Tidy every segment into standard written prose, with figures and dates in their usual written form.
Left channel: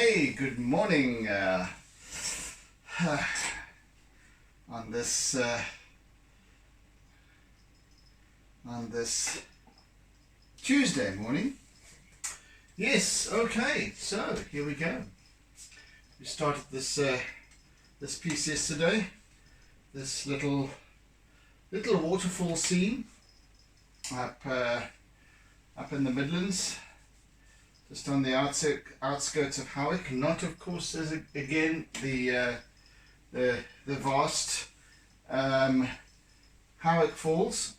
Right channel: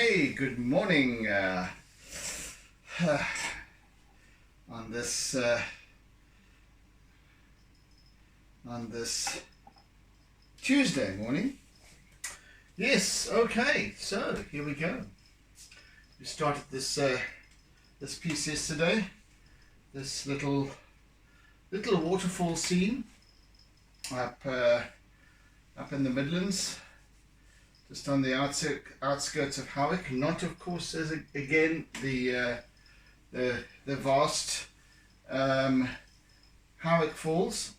Hey, good morning. On this Tuesday morning. Yes. Okay. So here we go. We started this piece yesterday. This little waterfall scene up in the Midlands. Just on the outskirts of Howick, not of course as again the vast Howick Falls.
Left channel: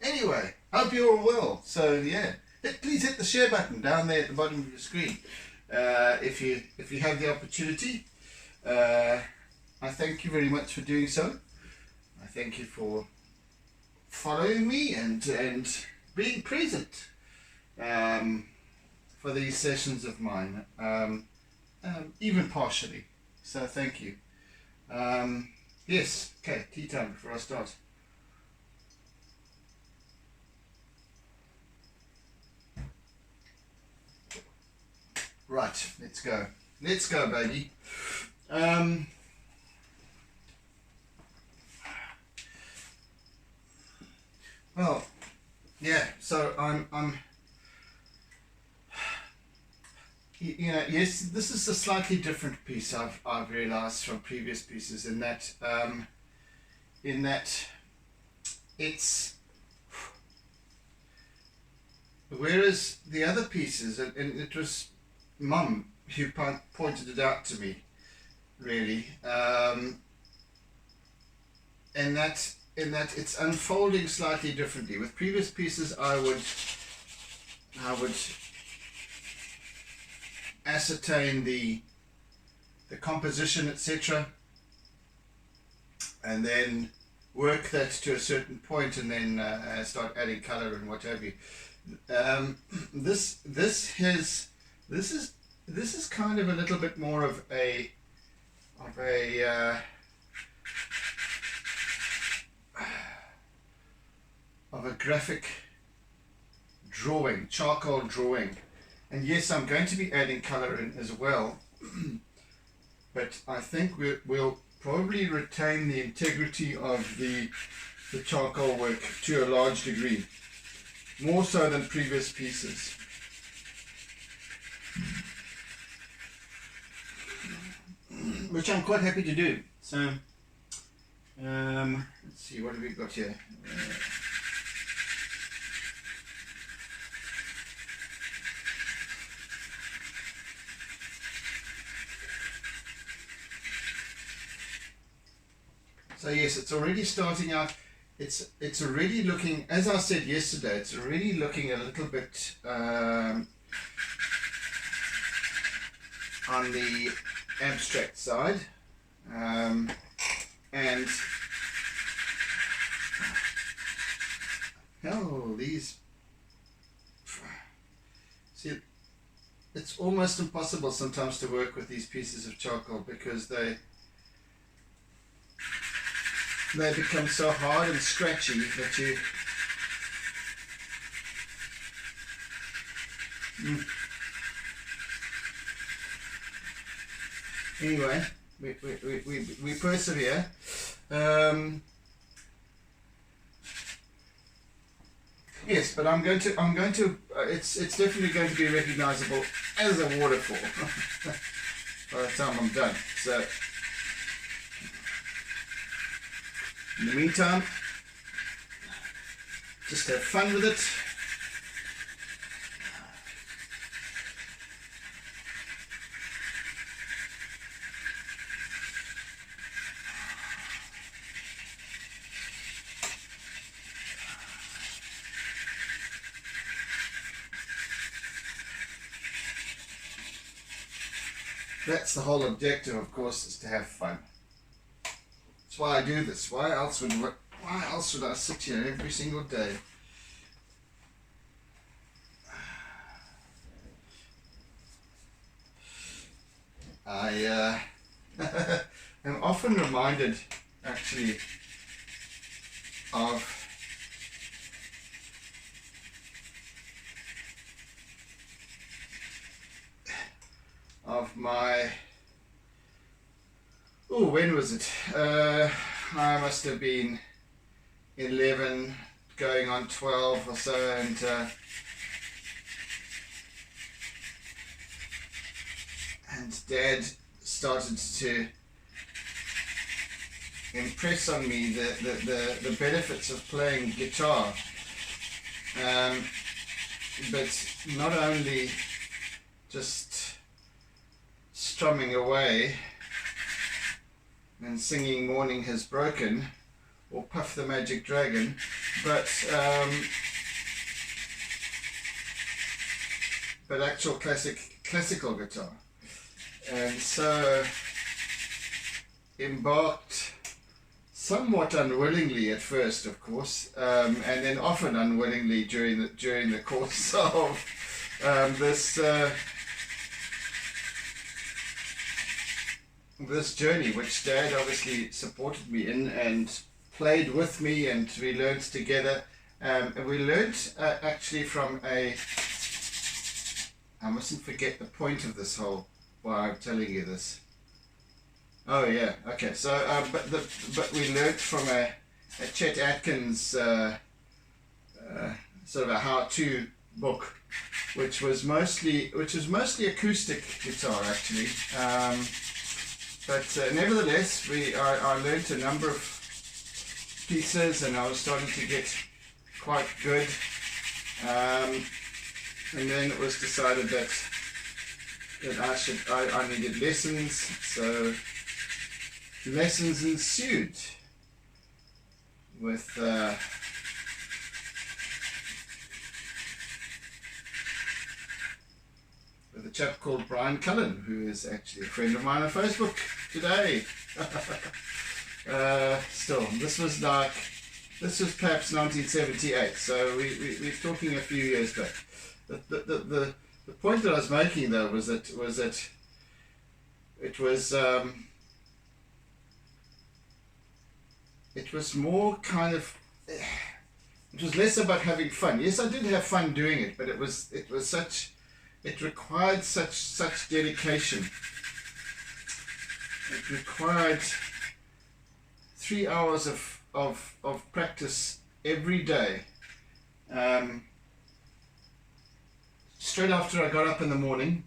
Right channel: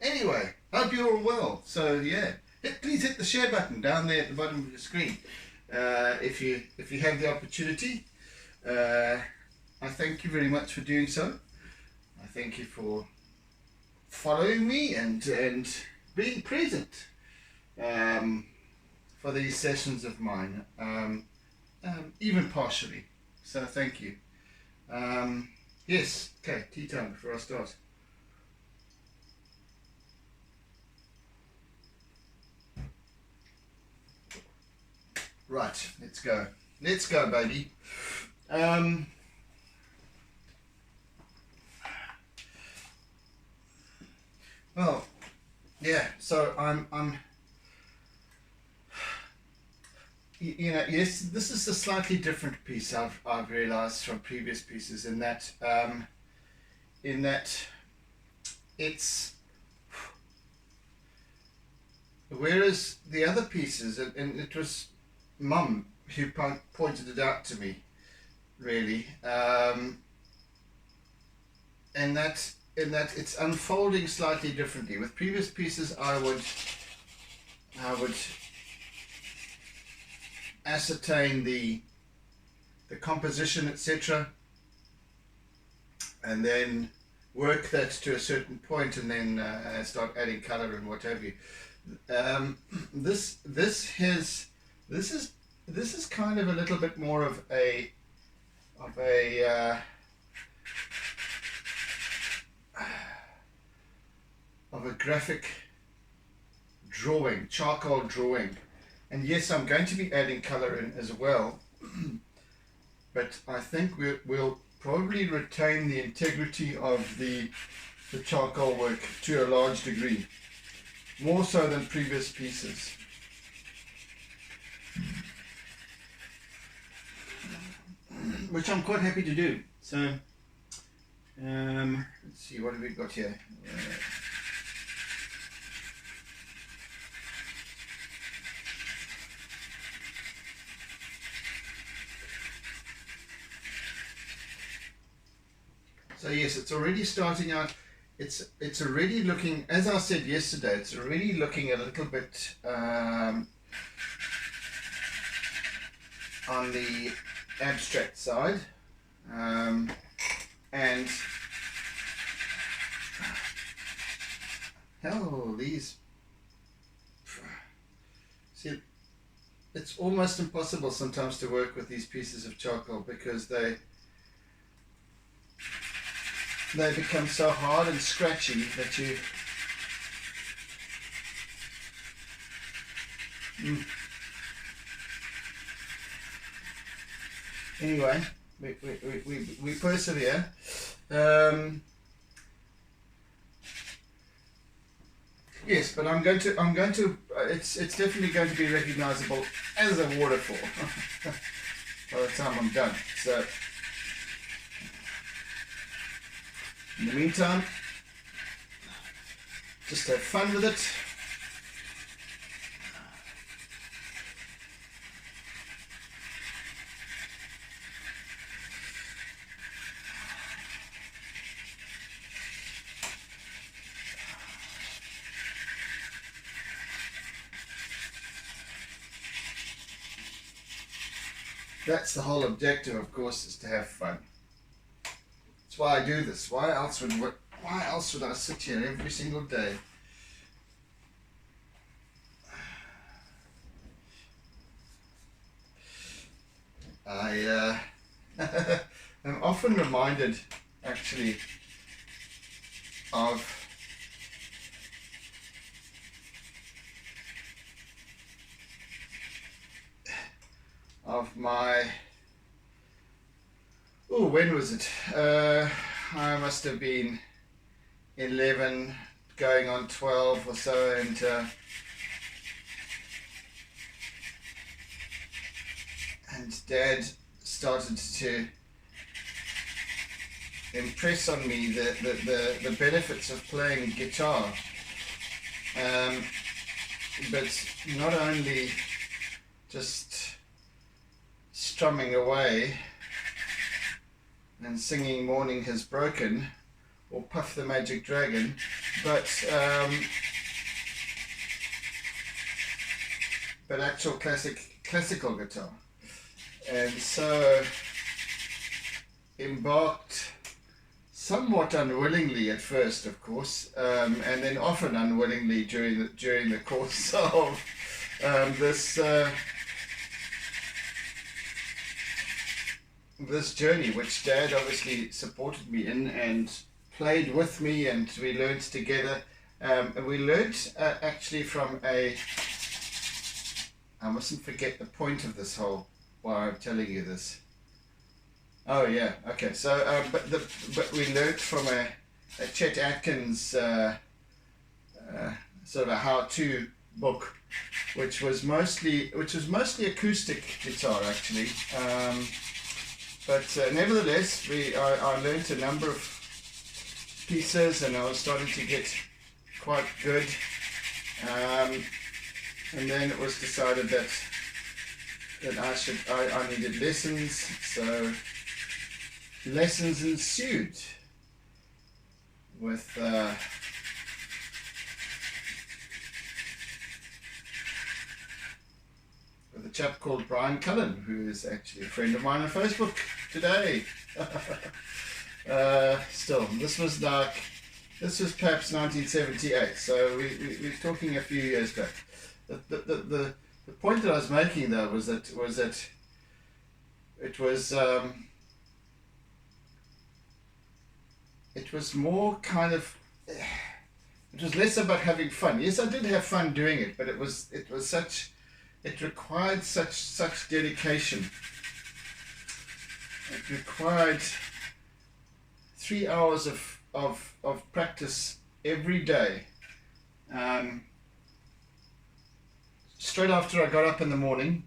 Anyway, hope you're all well. So yeah, please hit the share button down there at the bottom of your screen if you have the opportunity. I thank you very much for doing so. I thank you for following me and being present for these sessions of mine, even partially. So thank you. Yes, okay, tea time before I start. Right, let's go. Let's go, baby. Well, yeah. So I'm. You know, yes, this is a slightly different piece. I've realised from previous pieces in that it's, whereas the other pieces, and it was Mum who pointed it out to me, really, and that it's unfolding slightly differently. With previous pieces, I would ascertain the composition, etc., and then work that to a certain point, and then start adding color and what have you. This is kind of a little bit more of a graphic drawing, charcoal drawing. And yes, I'm going to be adding color in as well, but I think we'll probably retain the integrity of the charcoal work to a large degree, more so than previous pieces. Which I'm quite happy to do. So, let's see, what have we got here? So yes, it's already starting out. It's already looking, as I said yesterday, it's already looking a little bit on the abstract side, and hell, these, see, it's almost impossible sometimes to work with these pieces of charcoal because they become so hard and scratchy that you anyway, we persevere. Yes, but I'm going to it's definitely going to be recognizable as a waterfall by the time I'm done. So in the meantime, just have fun with it. That's the whole objective, of course, is to have fun. That's why I do this. Why else would I sit here every single day? I am often reminded, actually, of my, oh, when was it? I must have been 11 going on 12 or so, and Dad started to impress on me the benefits of playing guitar, but not only just strumming away and singing Morning Has Broken or Puff the Magic Dragon, but actual classical guitar. And so embarked somewhat unwillingly at first, of course, and then often unwillingly during the course of this journey, which Dad obviously supported me in and played with me, and we learned together. And we learned actually from I mustn't forget the point of this whole, why I'm telling you this. Oh yeah, okay. So, but we learned from a Chet Atkins sort of a how-to book, which was mostly acoustic guitar actually. But nevertheless, I learned a number of pieces, and I was starting to get quite good. And then it was decided that I needed lessons, so lessons ensued with a chap called Brian Cullen, who is actually a friend of mine on Facebook today. Still, this was perhaps 1978, so we're talking a few years back. The point that I was making though was that it was more kind of, it was less about having fun. Yes, I did have fun doing it, but it required such dedication. It required 3 hours of practice every day. Straight after I got up in the morning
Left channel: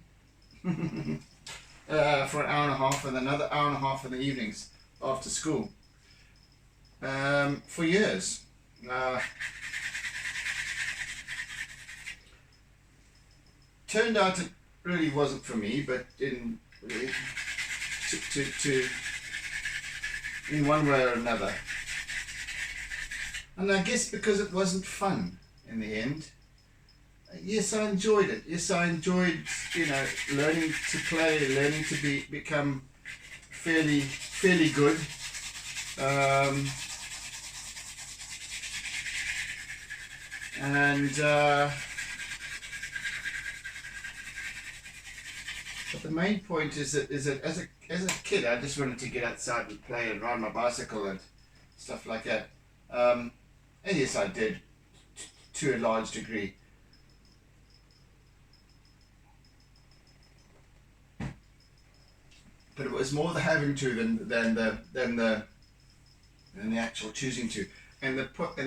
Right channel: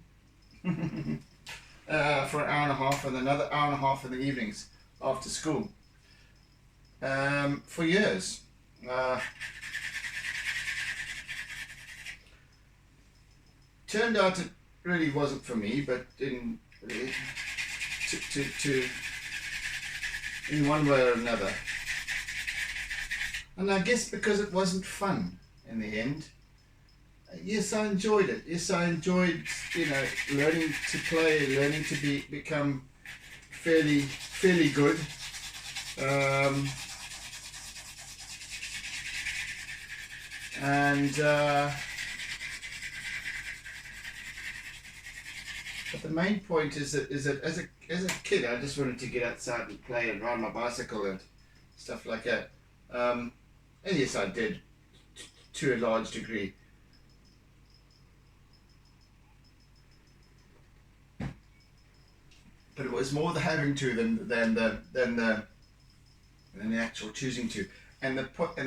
for an hour and a half, and another hour and a half in the evenings after school, for years. Turned out it really wasn't for me, but in one way or another. And I guess because it wasn't fun in the end. Yes, I enjoyed it. Yes, I enjoyed, learning to play, learning to become fairly good. But the main point is that as a kid, I just wanted to get outside and play and ride my bicycle and stuff like that. And yes, I did to a large degree. But it was more the having to than the actual choosing to. And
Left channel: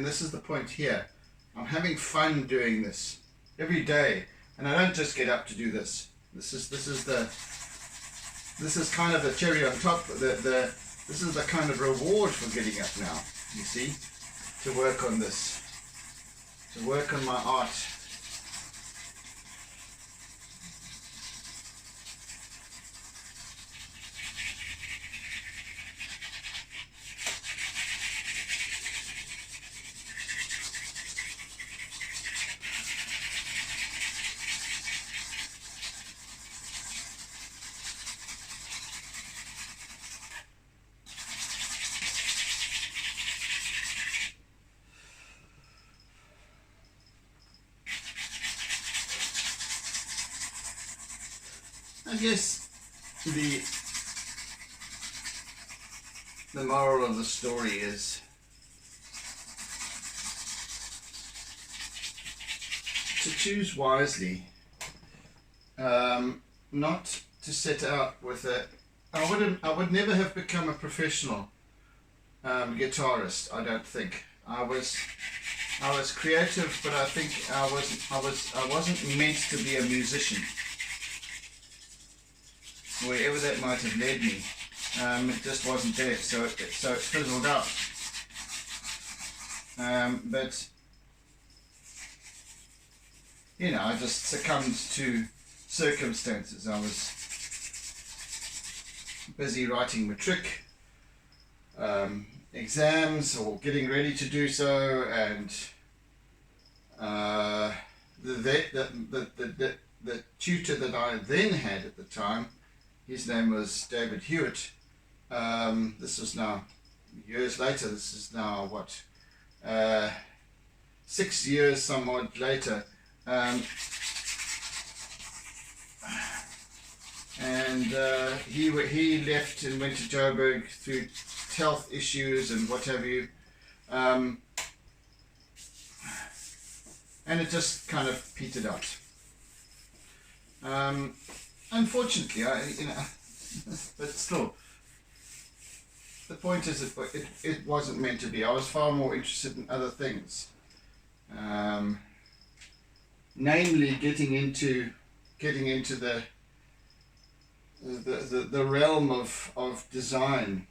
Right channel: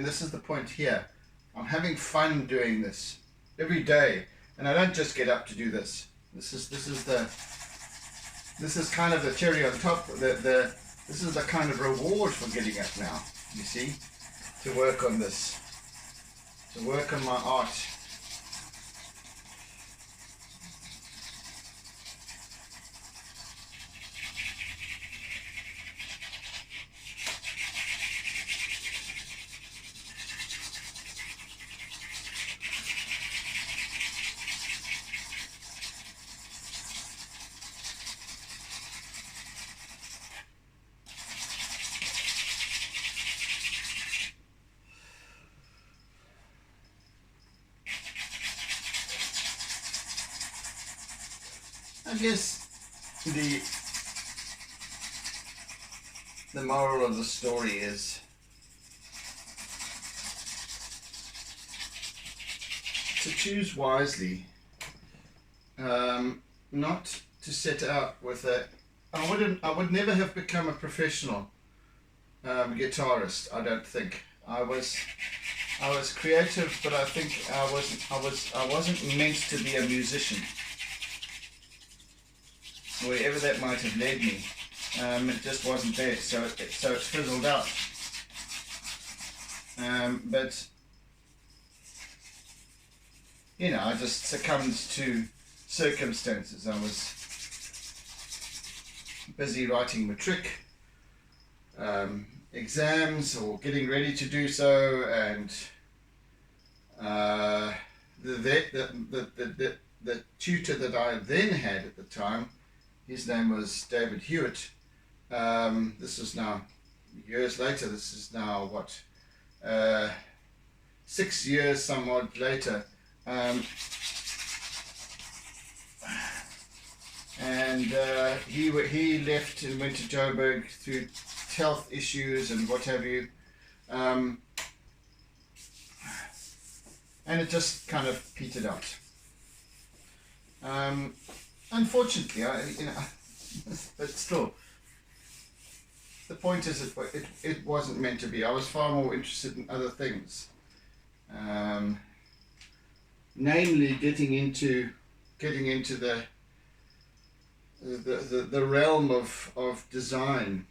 this is the point here. I'm having fun doing this every day, and I don't just get up to do this. This is kind of the cherry on top. This is the kind of reward for getting up now. You see, to work on this, to work on my art. I guess the moral of the story is to choose wisely, not set out with a. I would never have become a professional guitarist. I don't think. I was creative, but I think I wasn't meant to be a musician. Wherever that might have led me, it just wasn't there. So it fizzled out. But you know, I just succumbed to circumstances. I was busy writing matric exams or getting ready to do so, and the tutor that I then had at the time, his name was David Hewitt. This is now years later. This is now what 6 years somewhat later. He left and went to Joburg through health issues and what have you, and it just kind of petered out. Unfortunately, but still, the point is it wasn't meant to be. I was far more interested in other things, namely getting into the realm of design.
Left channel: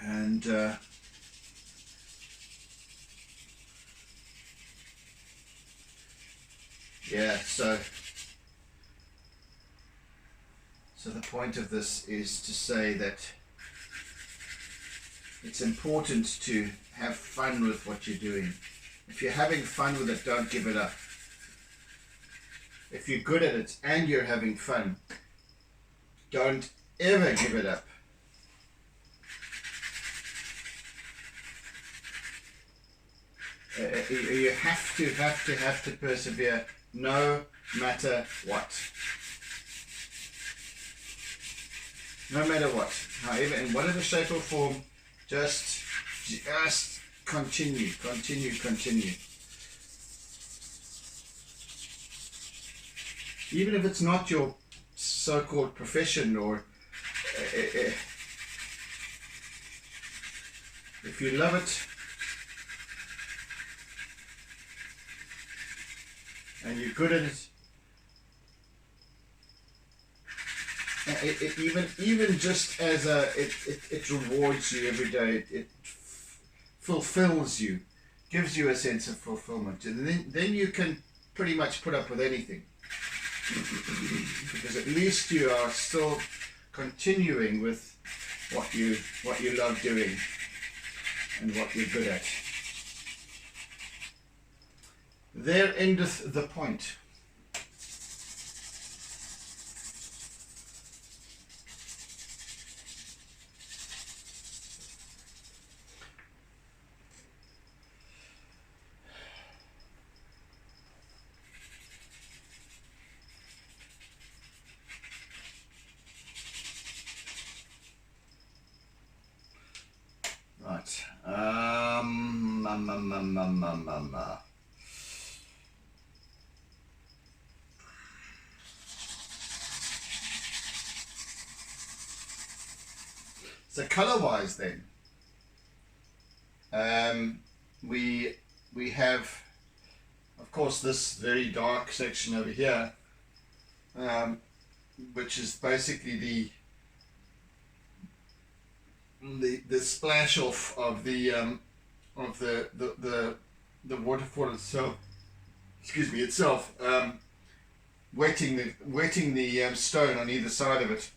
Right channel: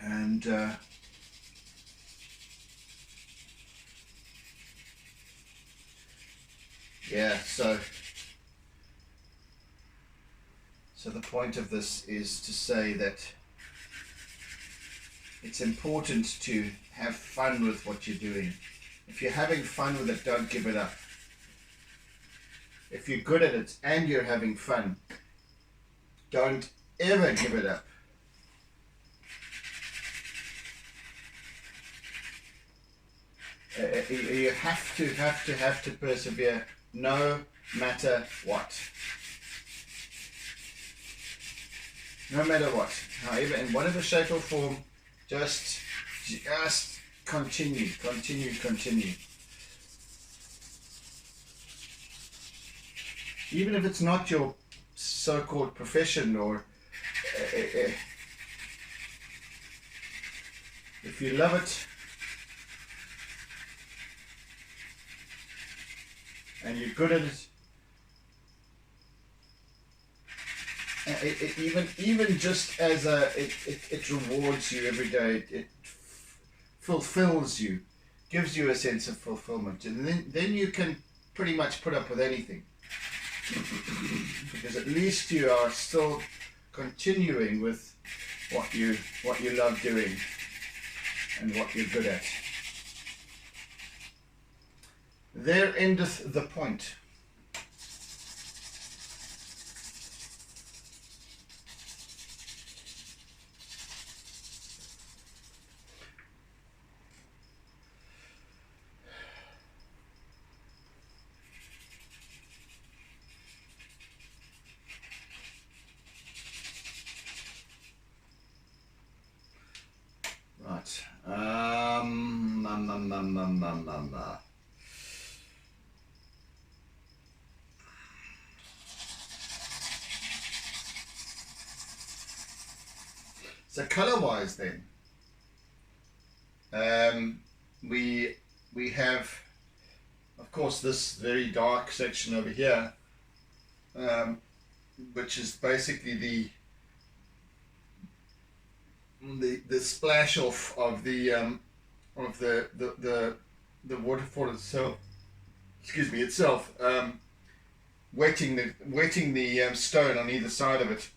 And yeah, so the point of this is to say that it's important to have fun with what you're doing. If you're having fun with it, don't give it up. If you're good at it and you're having fun, don't ever give it up. You have to persevere no matter what. No matter what. However, in whatever shape or form, just continue. Even if it's not your so-called profession, or if you love it and you're good at it, even just as it rewards you every day, it fulfills you, gives you a sense of fulfillment, and then you can pretty much put up with anything, because at least you are still continuing with what you love doing and what you're good at. There endeth the point. Right. So color-wise, then, we have, of course, this very dark section over here, which is basically the splash off of the waterfall itself. Excuse me, itself, wetting the stone on either side of it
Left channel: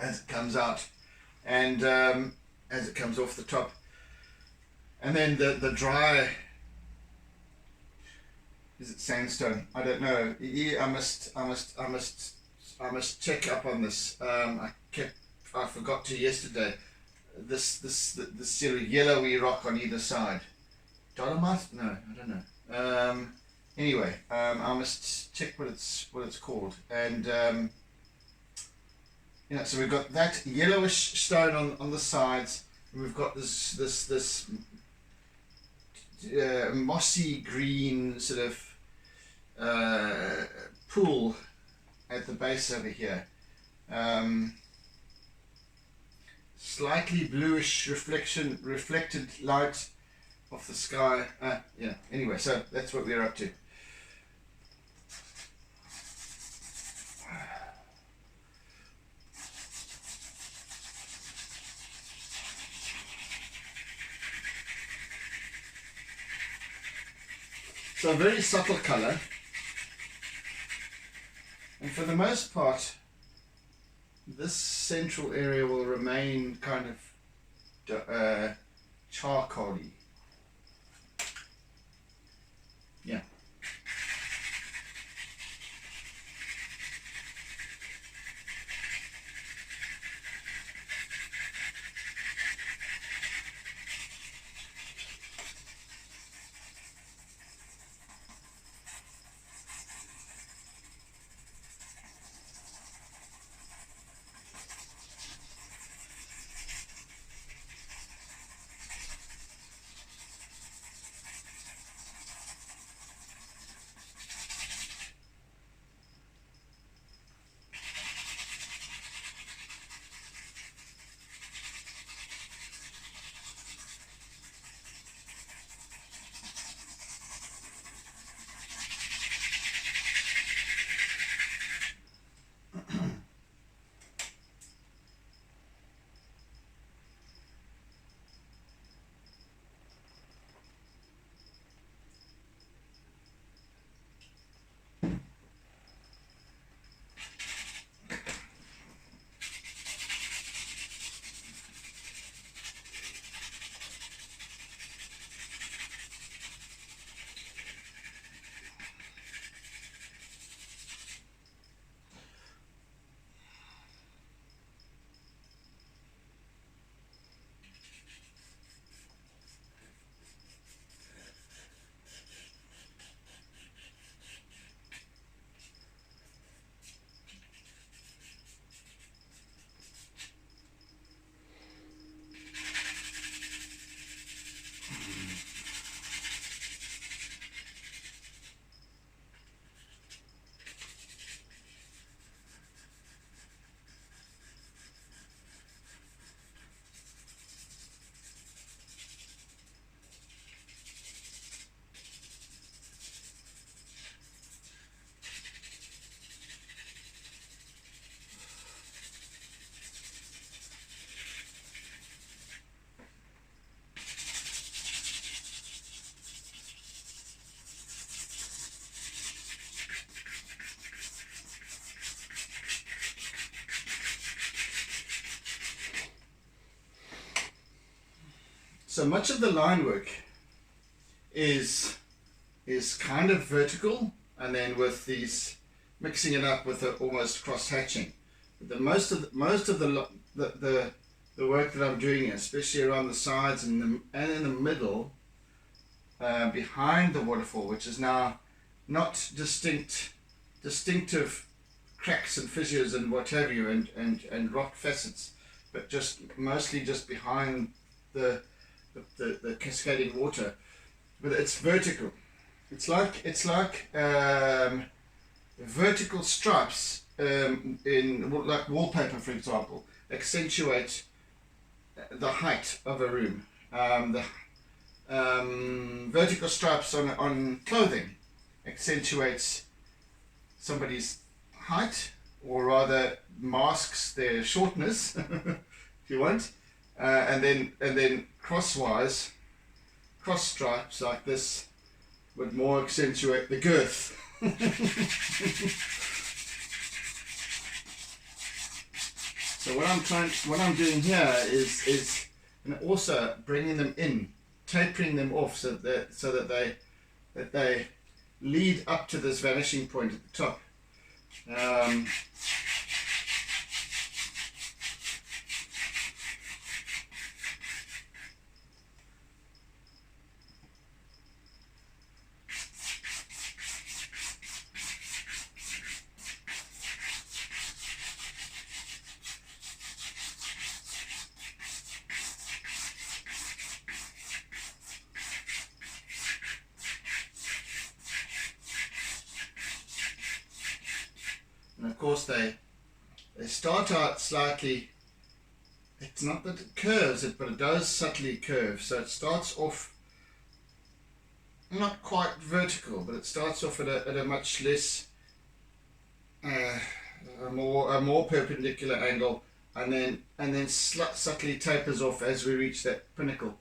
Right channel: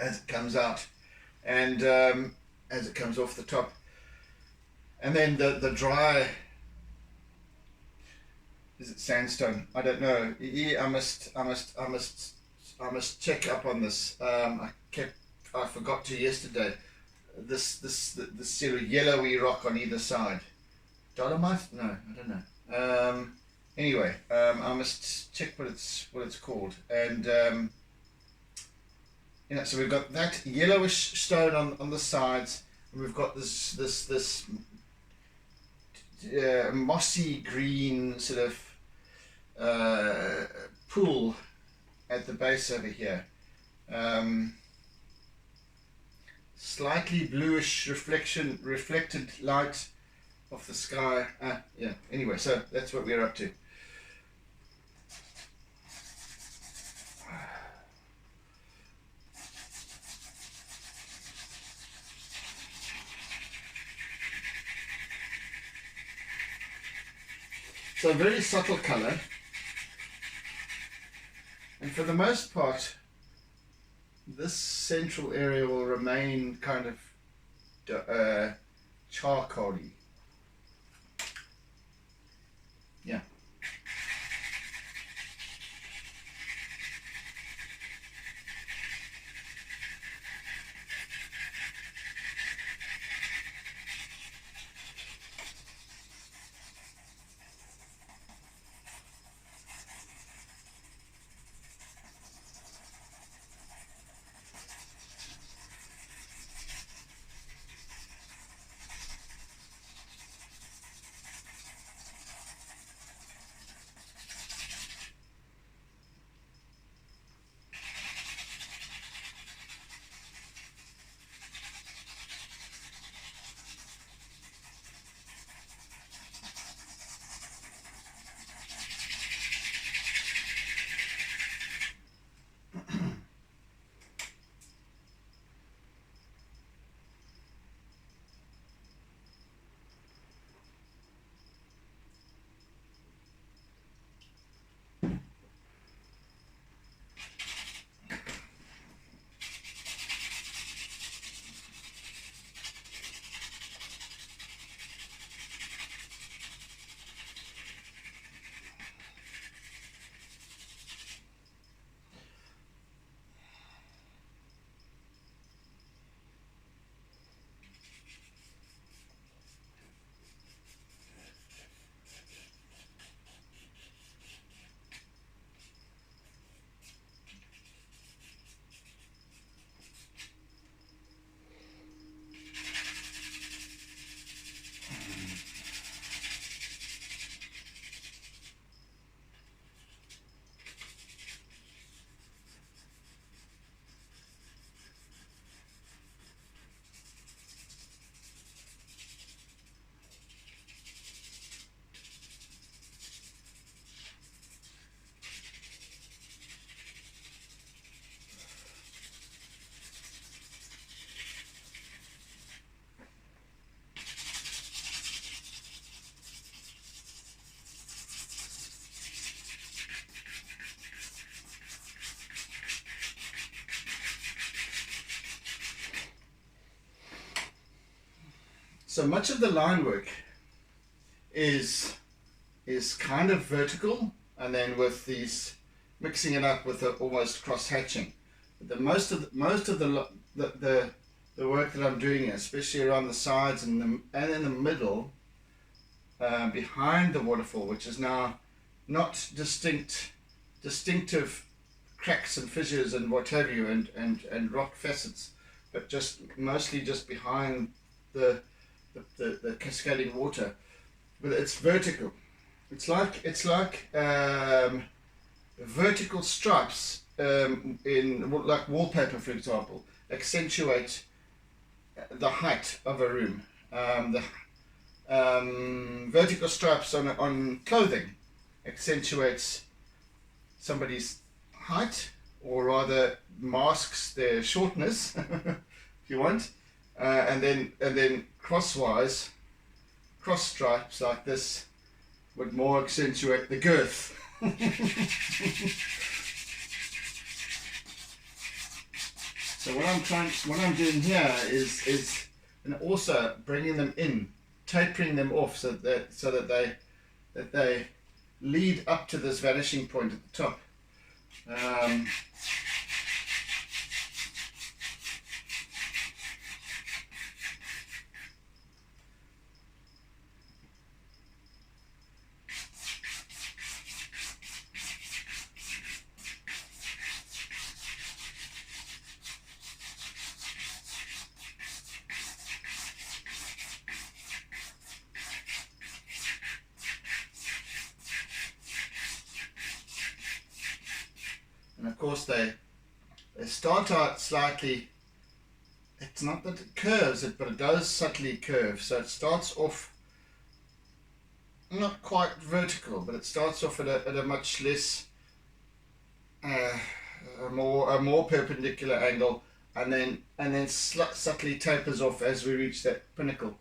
as it comes out, and as it comes off the top, and then the dry, is it sandstone? I don't know. Yeah, I must check up on this. I forgot to yesterday. This sort of yellowy rock on either side. Dolomite? No, I don't know. Anyway, I must check what it's called, and so we've got that yellowish stone on the sides, and we've got this mossy green sort of pool at the base over here. Slightly bluish reflected light of the sky. Yeah, anyway, so that's what we're up to. So a very subtle color, and for the most part this central area will remain kind of charcoaly. Yeah. So much of the line work is kind of vertical, and then with these mixing it up with almost cross hatching. The most of the work that I'm doing, especially around the sides and in the middle, behind the waterfall, which is now not distinctive cracks and fissures and what have you, and rock facets, but just mostly just behind the cascading water. But it's vertical. It's like vertical stripes in like wallpaper, for example, accentuate the height of a room. The vertical stripes on clothing accentuates somebody's height, or rather masks their shortness, if you want, and then cross stripes like this would more accentuate the girth. So what I'm doing here is and also bringing them in, tapering them off so that they lead up to this vanishing point at the top. course they start out slightly. It's not that it curves it, but it does subtly curve. So it starts off not quite vertical, but it starts off at a much less, a more perpendicular angle, and then subtly tapers off as we reach that pinnacle.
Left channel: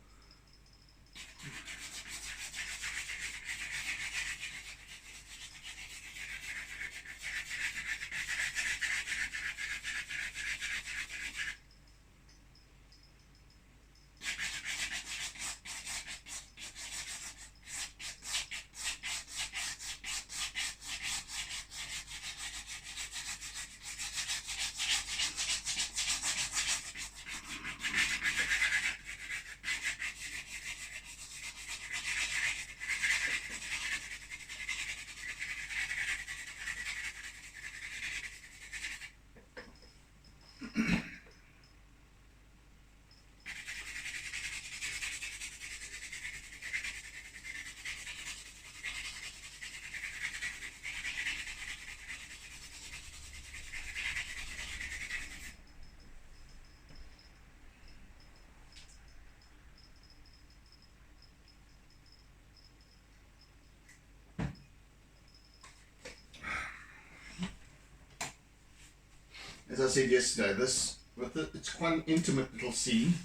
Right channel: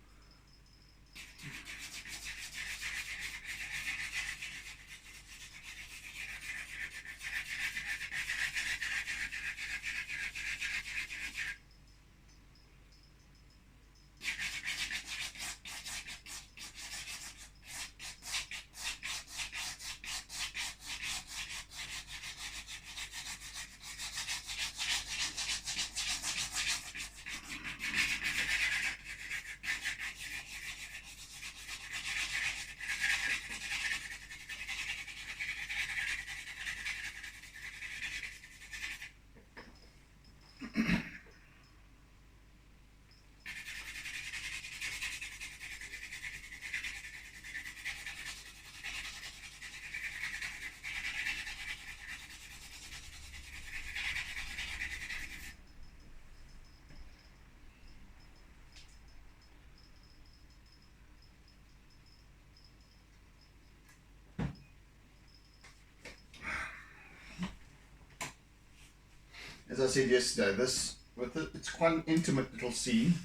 As I said yesterday, it's quite an intimate little scene.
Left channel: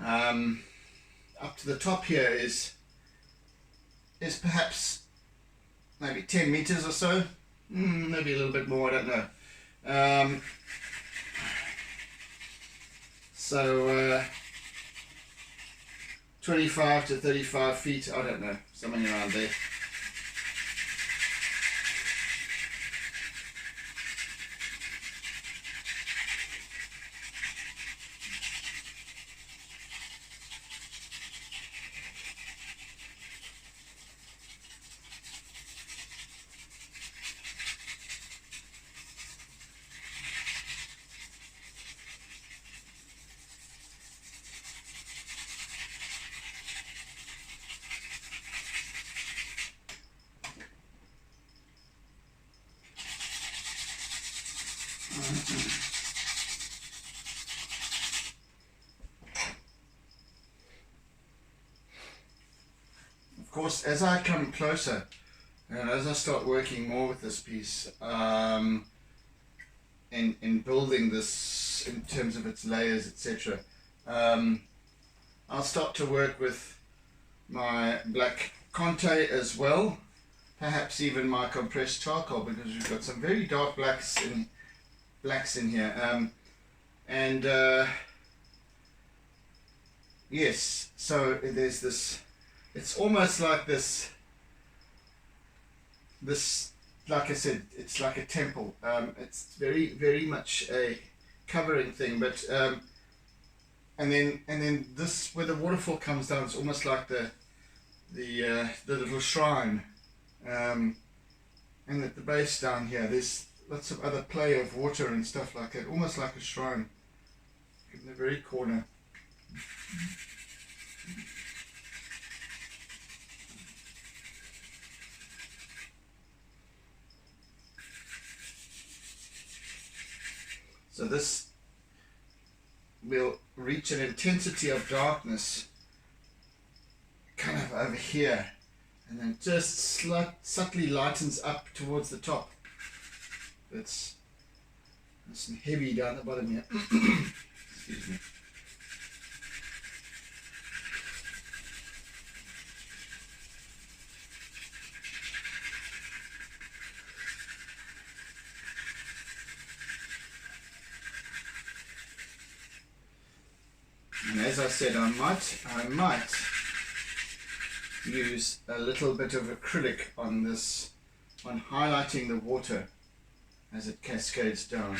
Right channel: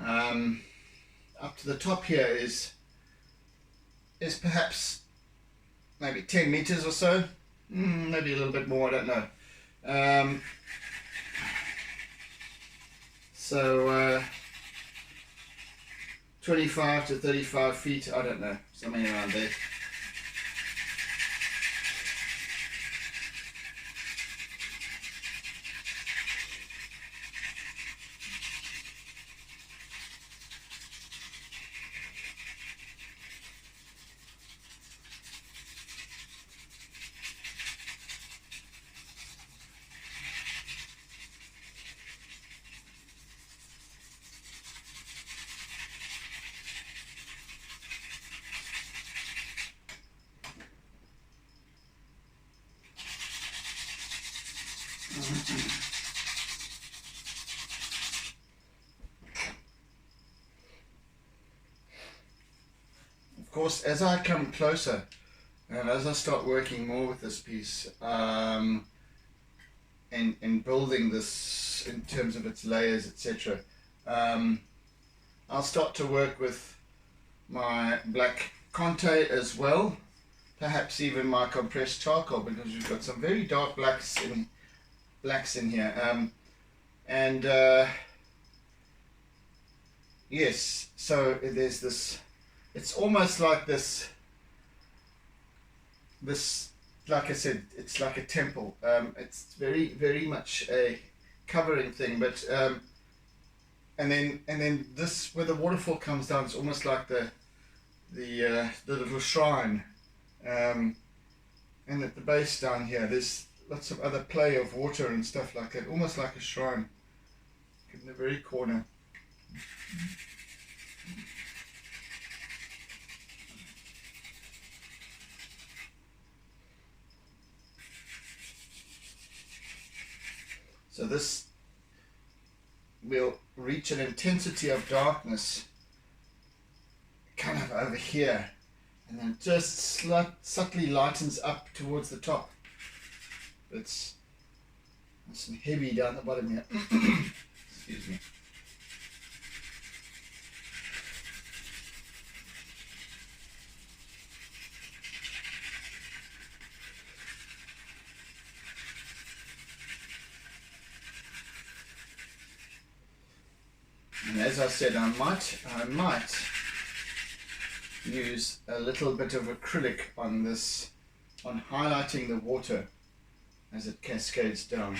Up to the top here is perhaps maybe 10 meters or so, maybe a little bit more, I don't know. So 25 to 35 feet, I don't know, something around there. Of course, as I come closer and as I start working more with this piece, in building this in terms of its layers, etc., I'll start to work with my black Conte as well, perhaps even my compressed charcoal, because we've got some very dark blacks in here, yes, so there's this, it's almost like this, like I said, it's like a temple. It's very, very much a covering thing, but and then this, where the waterfall comes down, it's almost like the little shrine, and at the base down here there's lots of other play of water and stuff like that, almost like a shrine in the very corner. So this will reach an intensity of darkness kind of over here, and then just subtly lightens up towards the top. There's some heavy down the bottom here. Excuse me. And as I said, I might use a little bit of acrylic on this, on highlighting the water as it cascades down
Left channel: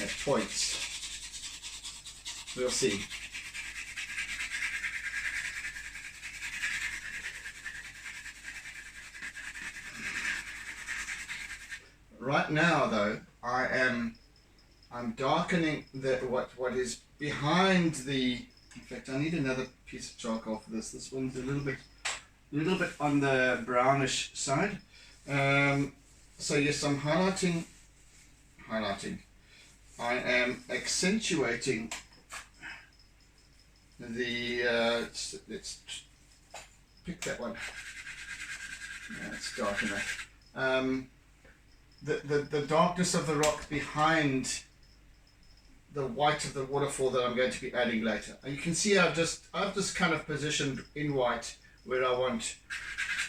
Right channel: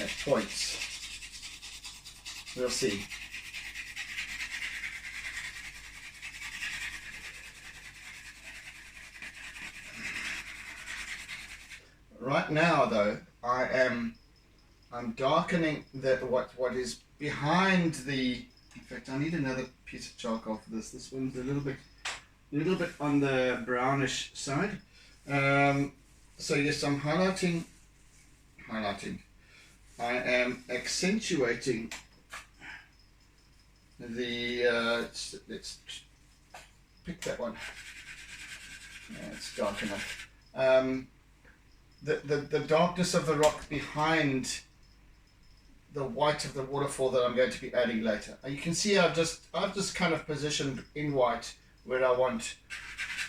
at points. We'll see. Right now though, I'm darkening what is behind the, in fact I need another piece of charcoal for this. This one's a little bit on the brownish side. So yes, I'm highlighting. I am accentuating the, let's pick that one. Yeah, it's dark enough. The darkness of the rock behind the white of the waterfall that I'm going to be adding later. And you can see I've just kind of positioned in white where I want,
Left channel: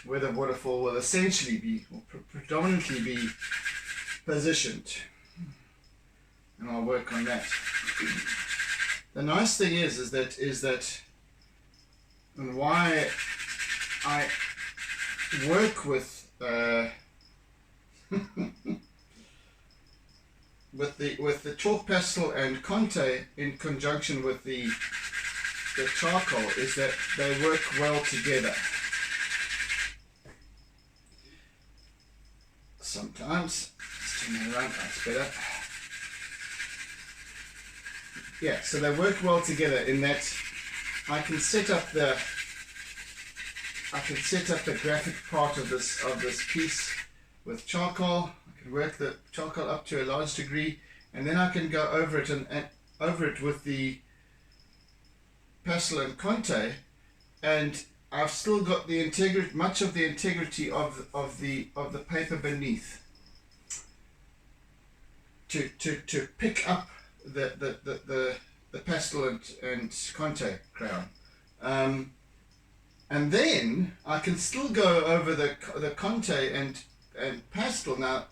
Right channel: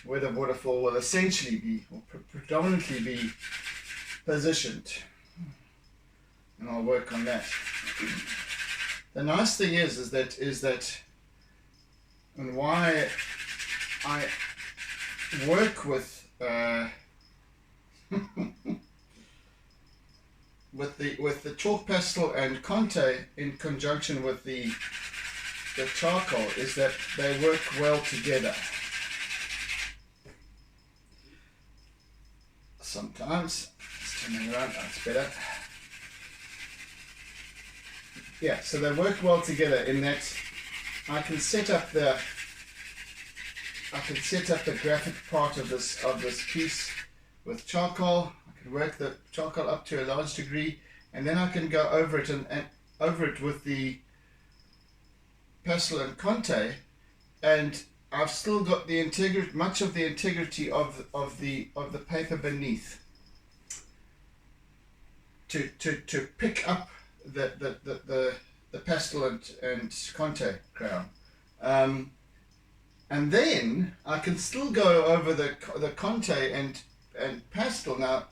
where the waterfall will essentially be, or predominantly be positioned. And I'll work on that. The nice thing is that, and why I work with with the chalk pastel and Conte in conjunction with the charcoal is that they work well together. Sometimes, let's turn that around, that's better. Yeah, so they work well together in that I can set up the graphic part of this piece with charcoal. I can work the charcoal up to a large degree, and then I can go over it and over it with the pastel and Conte, and I've still got the integrity, much of the integrity of the paper beneath to pick up the pastel and Conte crown. And then I can still go over the Conte and pastel. Now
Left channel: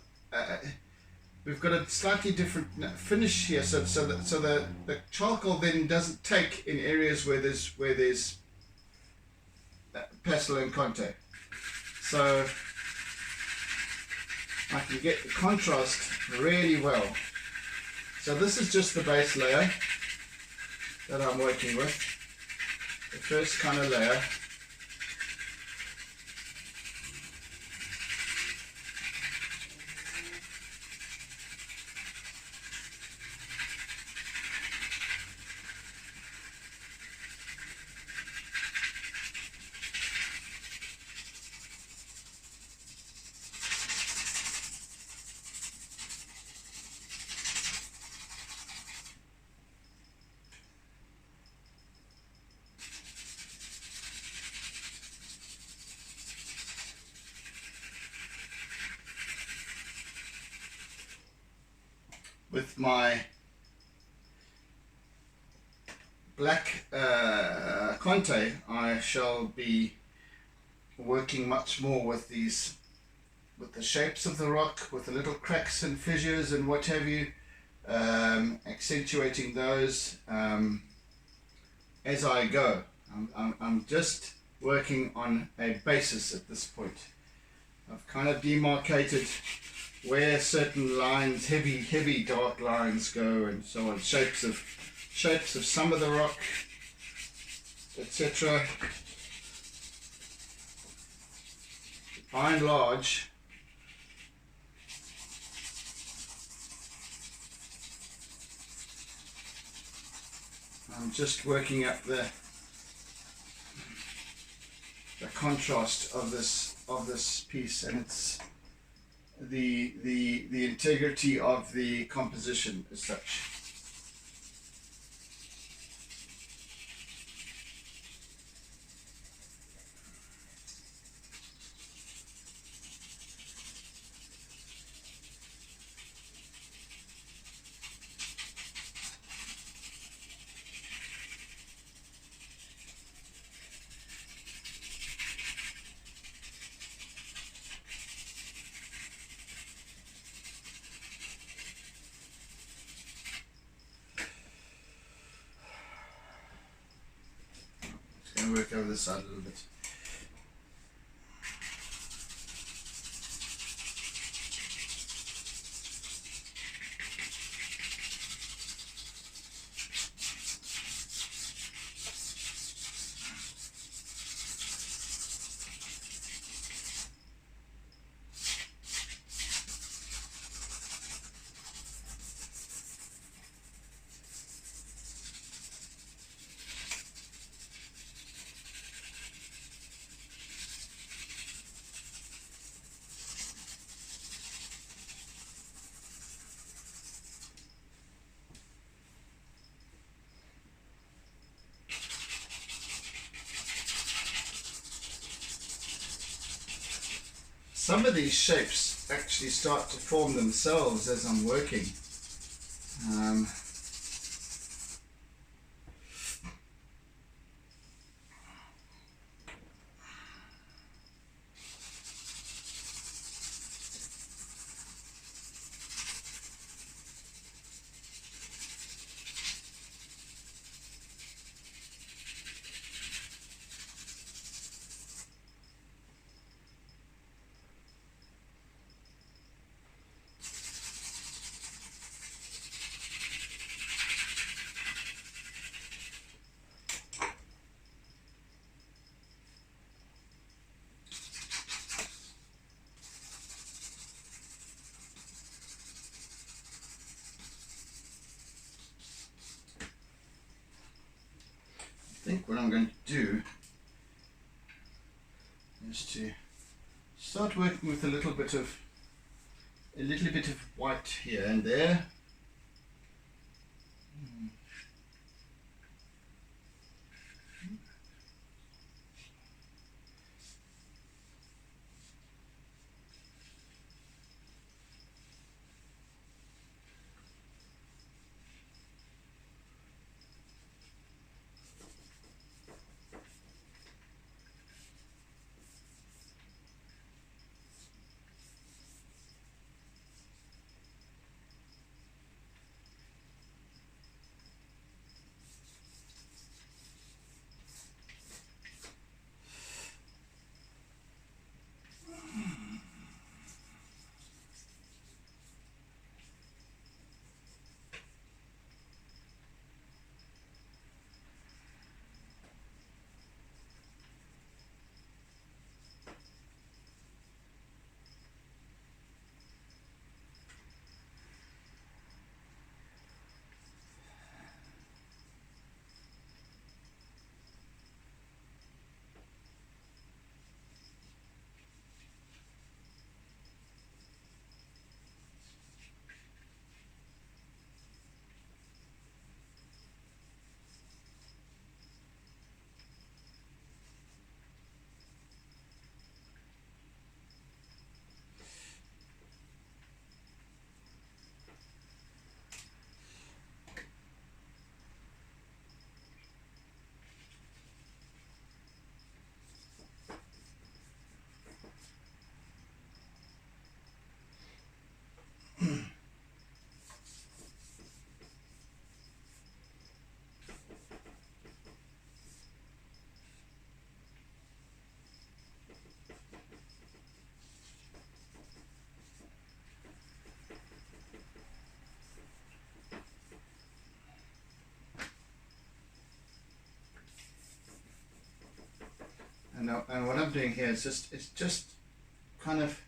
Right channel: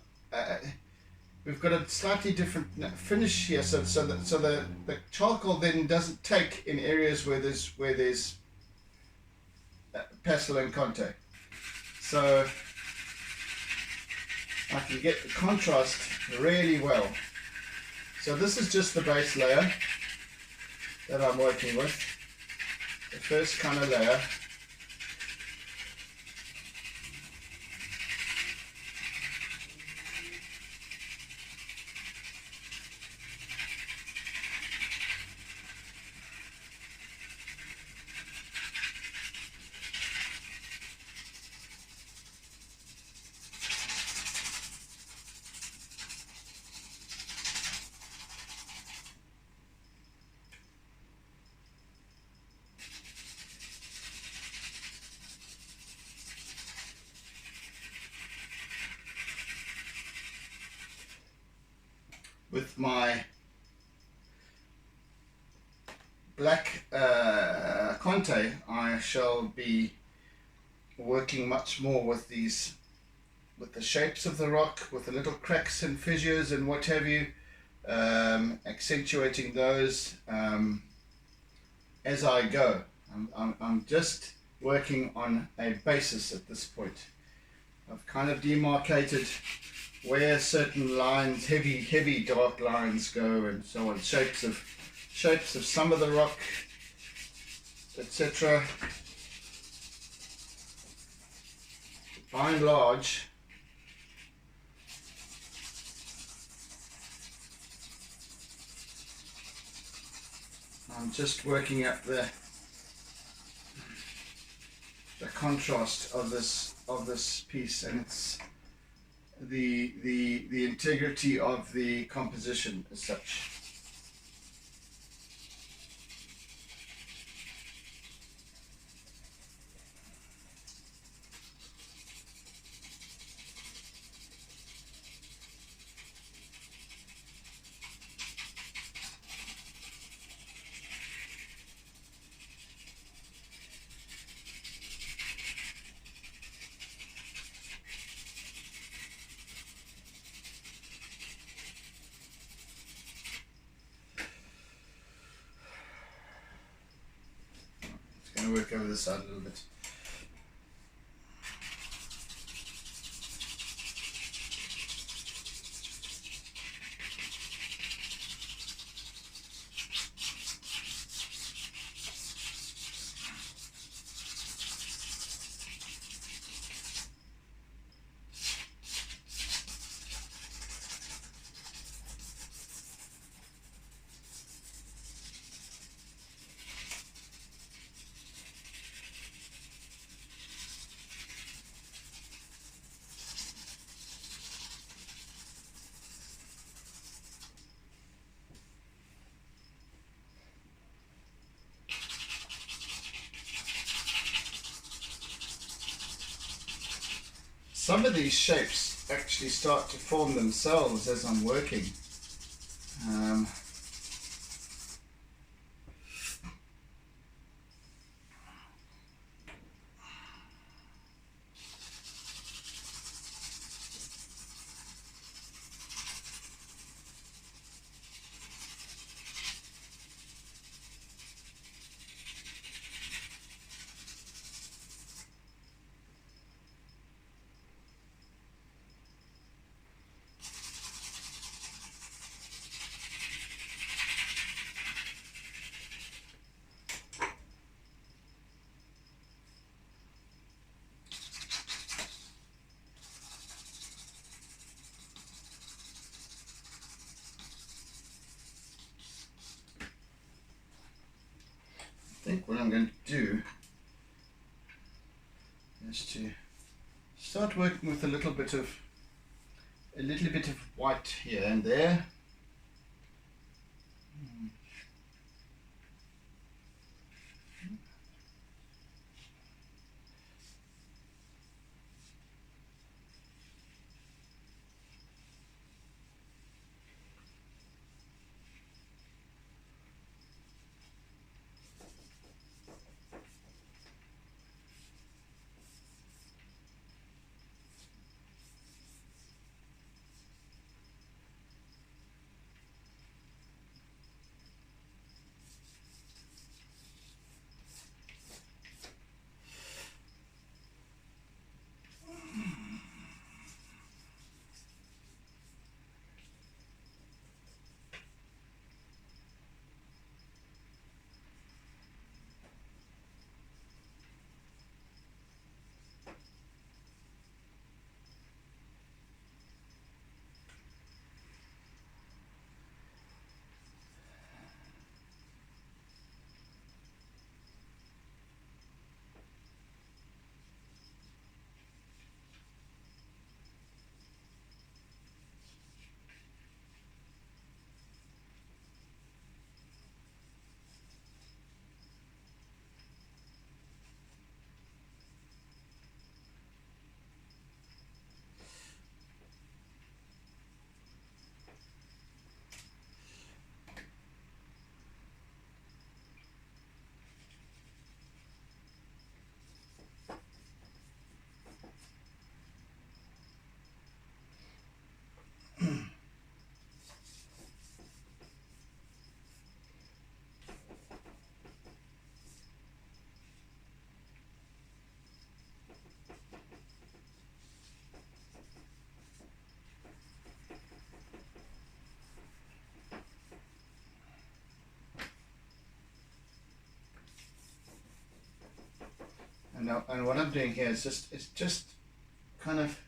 we've got a slightly different finish here, so the charcoal then doesn't take in areas where there's pastel and Conte. So I can get the contrast really well. So this is just the base layer that I'm working with, the first kind of layer. With my black Conte, I shall be working much more with these, with the shapes of the rock, with the little cracks and fissures and what have you, accentuating those as I go. I'm just working on a basis at this point. I've kind of demarcated where certain lines, heavy dark lines go, and so on, shapes of some of the rock, etc. By and large, I'm just working up the contrast of this piece, and it's the integrity of the composition as such. Work over this side a little bit. some of these shapes actually start to form themselves as I'm working. I think what I'm going to do is to start working with a little bit of white here and there. And what I'm doing here is just kind of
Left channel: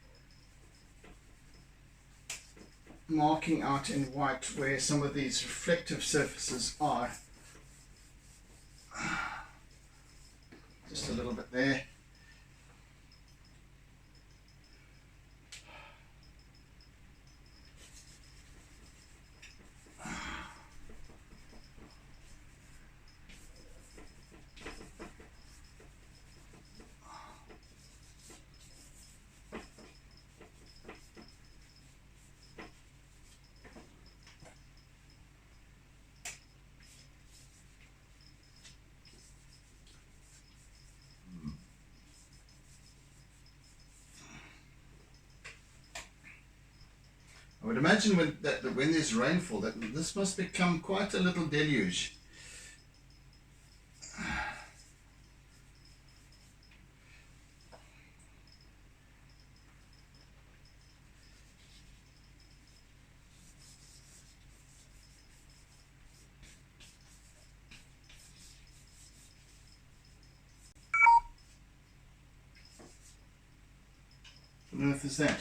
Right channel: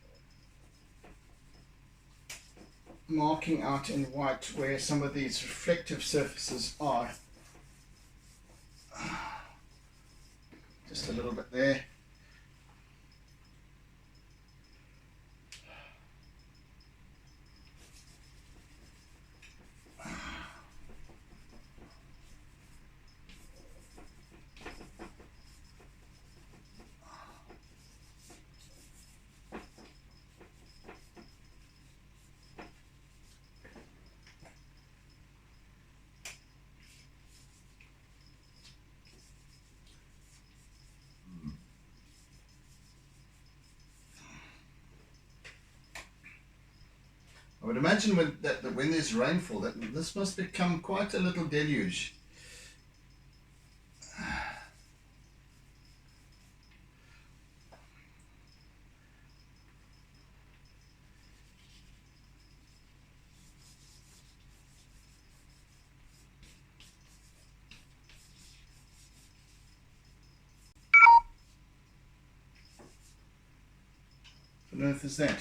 marking out in white where some of these reflective surfaces are. Just a little bit there. I would imagine when there's rainfall, that this must become quite a little deluge. What on earth is that?